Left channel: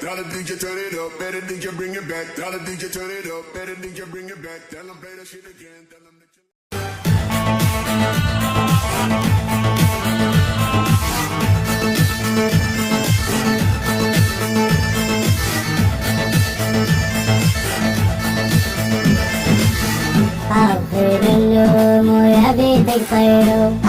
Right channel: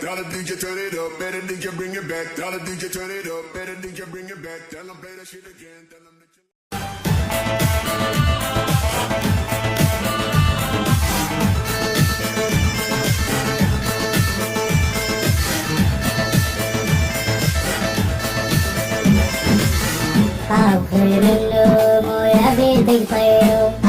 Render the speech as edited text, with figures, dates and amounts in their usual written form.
Tell the DJ turn it up, better DJ bring it back. Tell the DJ turn it up, better DJ bring it back. Tell them play that shit again. Tell them that you... طفل اللوم ويا بيدك طيروا